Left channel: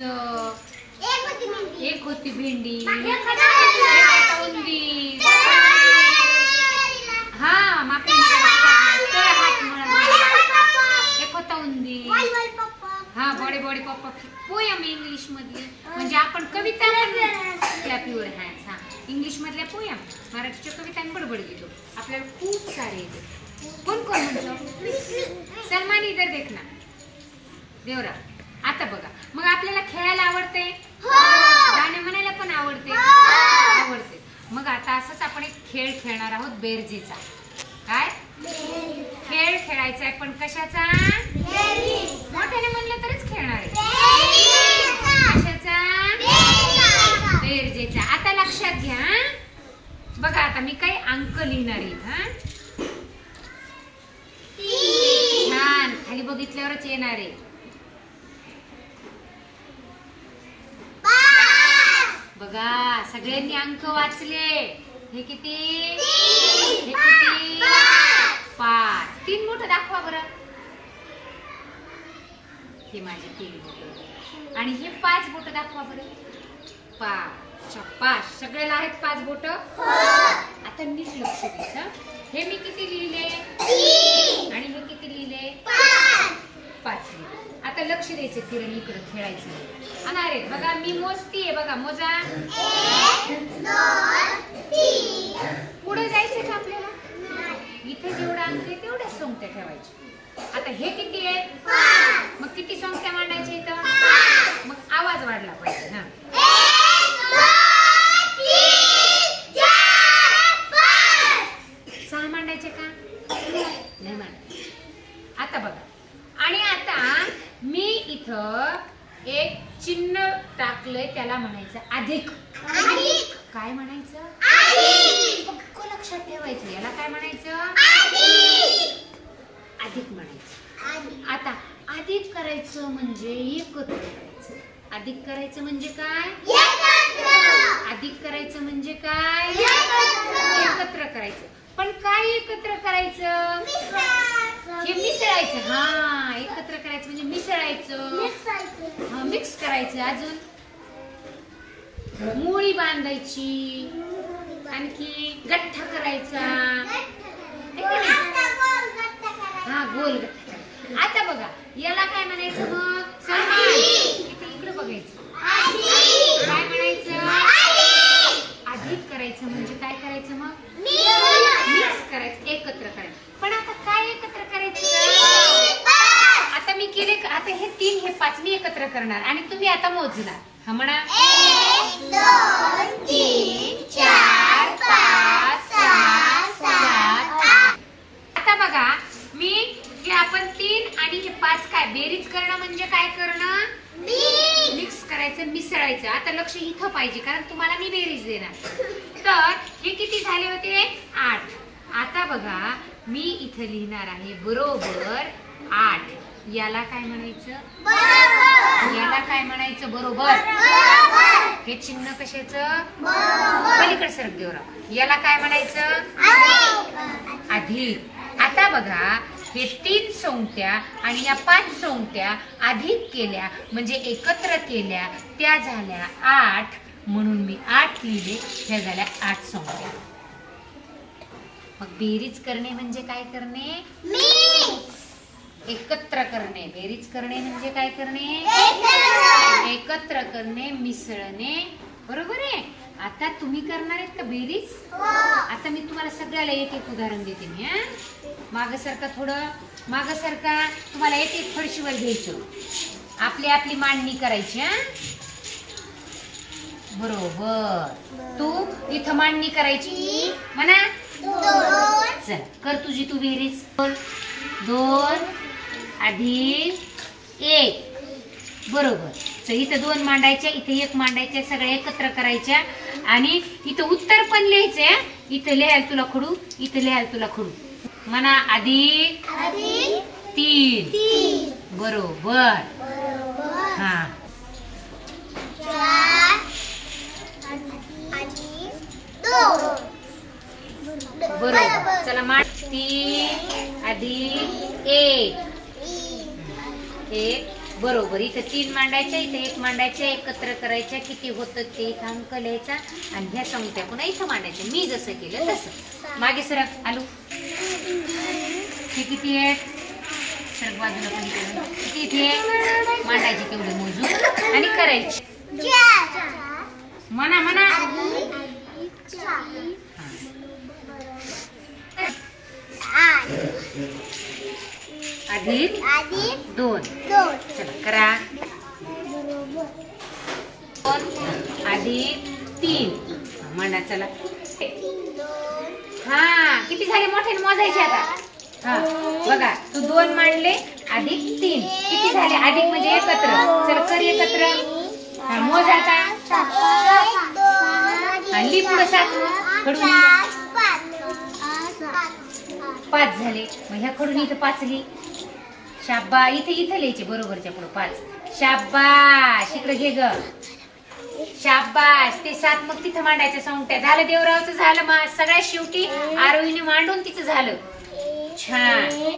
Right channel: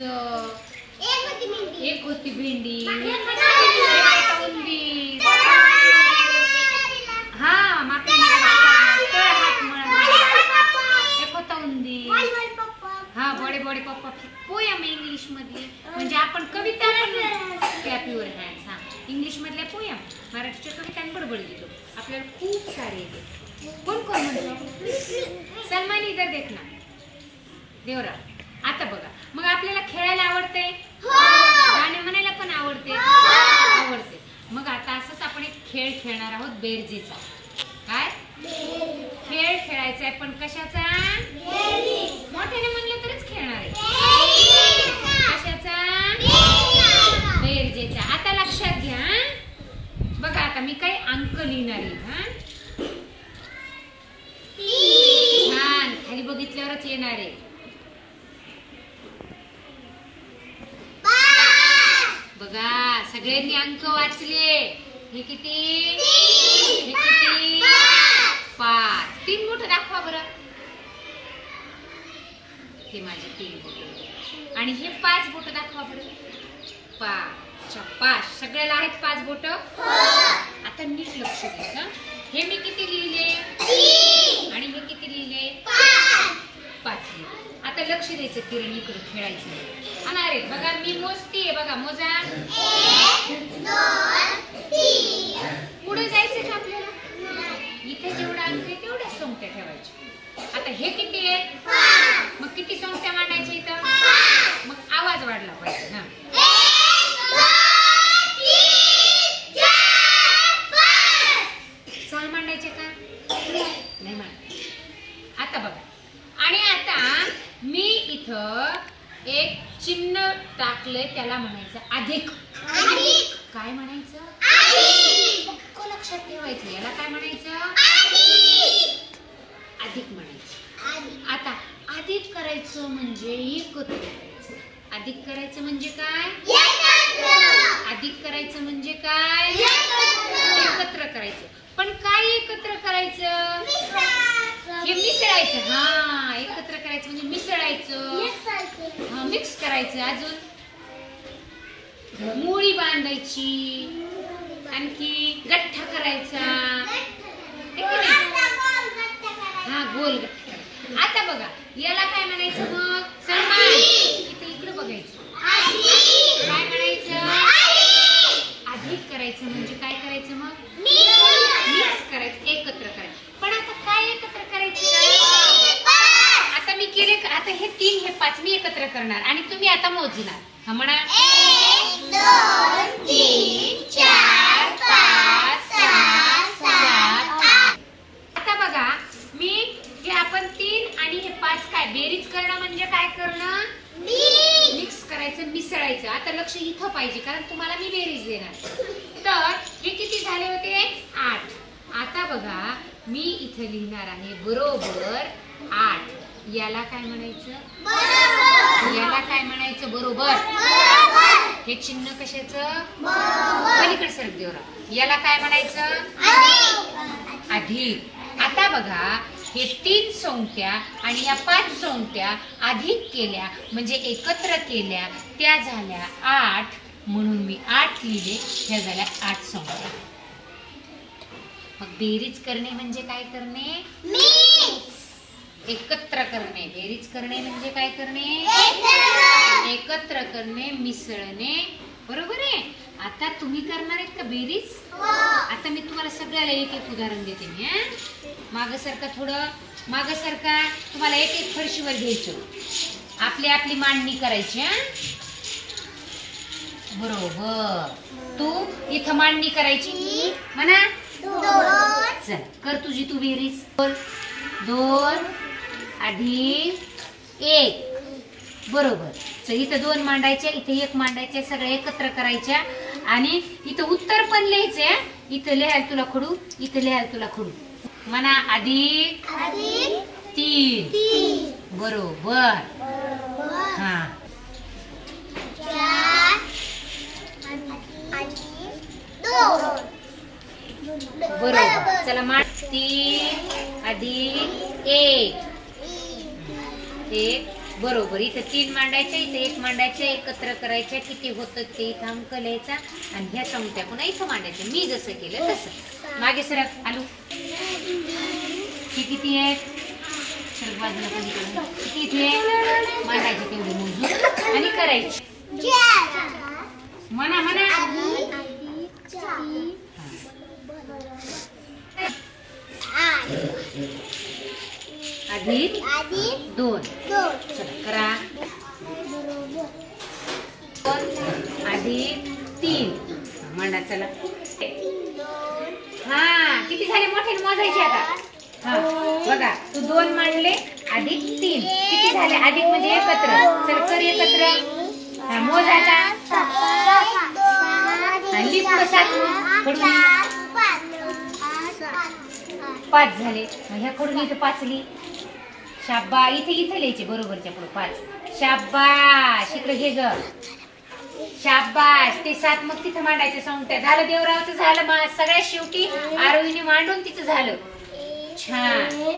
एक होती भेंडी, उंदीर, हा एक होता उंदीर, हा बडे बडे पप्पा पोयम इंग्लिश मधले, म्हणजे आपण कविता क्लॅप युअर हँड्स, हा इंग्लिश मधल्या पोयम, मराठीच्या कविता बडबड घेतो. आपल्याला खूप सारे येते. कोण कोण म्हणतो? सलमान इधर देख ना देवरा. आता बघा, मग आपल्याला खेळायला आवडते, गाणे म्हणायला पण आवडते. मग आता असंच आपण एक खेळ खेळणार आहोत, बेरजेचा. काय खेळ खेळायचा आहे, पण कशाचा? मोठ्याने म्हणलं तरच खेळणार आहे. कशाचा? बेरजेचा. आता लक्षात घ्या बघा, आता मी काही अंक लिहिणार आहे. हा छान, खाली बघितल्यावरच येणार आहे. बघा, सगळ्यांनी अंक वाचले. हे किती? हे किती? 5. 3 बोट दाखवा बरं. हे माझे 3 बोट आणि हे 5 बोट दाखवा बरं. 5. सगळ्याला आहेत 5 बोट. आता नीट लक्ष द्या. हे मी किती लिहिले आणि हे किती लिहिले? 5 लिहिले. आता लक्ष द्यायचं, किरण इकडे खेळायचं. अरे बघा, मी मोजतीये बघा, मोजा. 1 2 3. पुढे जायचं का आपल्याला? इथे जेवढा अंक आहे तेवढ्या संख्या ठेवायची. आता हे किती आहेत? मग किती संख्या मांडायच्या इथं? मग आवाज वाढला पाहिजे. हा 6 मांडायचे का? नाही मांडायचे. आता बघा, आणि आता मी इथं एक चिन्ह टाकलंय, त्याला म्हणायचं अधिक. काय म्हणायचं? पक्क लक्षात ठेवायचं. याला काय म्हणायचं? अधिक म्हणायचं. आता अधिक करायचं म्हणजे एकत्र करायचं. अधिक करायचं म्हणजे काय? अधिक करायचं म्हणजे काय? एकत्र करायचं. पण काय एकत्र करायचं? हे मिसळायचं. हा, एकत्र करायचं म्हणजे मिसळायचं, हा मिक्स करायचं. अजून मुळी बांधायची, आणखी गठ्ठा करायचा, हा गोल गठ्ठा. आता बघा, याला काय म्हणायचं? मग सलमान इकडे बघायचं. काय म्हणायचं? अधिक करायचं म्हणजे काय करायचं? मग मिक्स करायचं, एकत्र करायचं. पण आता काय एकत्र करायचं? आता मी केले. आता हे 3 हे 5 मी एकत्र करणार आणि तुम्ही आता मोजणार. हा म्हणा. 1 2 3 4 5 6 7 8. आता बघा, मी हे आपण 3 आणि हे 5 काय बेरीज करणं म्हणजे काय करणं? मिक्स करायचं, मिसळायचं. आता लक्ष इथं पाहिजे, कारण तुम्हाला मी बेरीज देणार. तर हे किती झाले होते? 8. आता बघा, मी इथं लिहिणार आहे बरोबर 8. याला काय म्हणायचं? याला काय म्हणायचं? बरोबर. हे चिन्ह कशाचं? पलीकडे सरक देवरा. याला काय म्हणायचं? अधिक. आता बघा, हे 3 संख्या आणि या 5 संख्या अधिक केल्या म्हणजे एकत्र केल्या, त्या झाल्या 8. म्हणून मी 8 लिहिले. ह्या झाल्या 8 संख्या. मग बेरीज करणे म्हणजे काय करणे? एकत्र करणे. बेरीज करणे म्हणजे काय करणे? एकत्र करणे, मिसळणे. बरोबर आहे. आता तुम्ही करणार आहेत का बेरीज? आता मी तुम्हाला सगळ्याला एक एक उदाहरण देते. मी मागं सरका, थोडं मागं सरका. तुम्हाला एक एक फरशीवर घ्यायचं, आपली आपली मांडणी करायची. बरोबर. तू इथं मांडणी करायची म्हणा. चल कर तुझी तू बेरीज. 2 अधिक 1. बरोबर. चल इथं 2 मांडायच्या, इथे 1 मांडायच्या, सगळ्या एकत्र करायच्या. आणि इथं उत्तर पण लिहायचंय. इथं लिहायला तुला खडू, इथं लिहायला तुला खडू. म्हणा अधिक 3. बरोबर. हा बरोबर. चला मांड. 3 अधिक 1. 1 बरोबर. इथं 3 मांडायच्या, इथं 1 मांडायच्या, एकत्र करायच्या. किती होतं ते इथं अंक लिहायचा आणि ह्या संख्या पुन्हा इथं मांडायच्या. मी जसं केलं तसं. मागे सरक आलू. हे किती आहेत? सरक बाजूला पण इकडं. किती इथे मांडायचे तेवढे मोजून आणि करायचे. म्हणा म्हणा. अधिक 2. चला करा. 2 अधिक 3 मांडा. चला. हा किती झाले मोठे मोजायचे आता. हा बघा तू 2 मांडले अधिक 3 किती झाले. अधिक म्हणजे एकत्र. चल कर एकत्र. हा मोज आता. आणि पुढे 7 कडून 5 झाले. मग ह्या कडून इथं 5 लिही. शाब्बा. इथे लिहायचे बरोबरच्या पुढे 5. शाब्बाश. इकडे घे ग. शाब्बाश. ते 7 मग तिथं मांडायचं संख्या. झालं देवरावचं झालं. मग सगळ्यात शेवटी आरोहीने मांडून तिचं झालं. छान.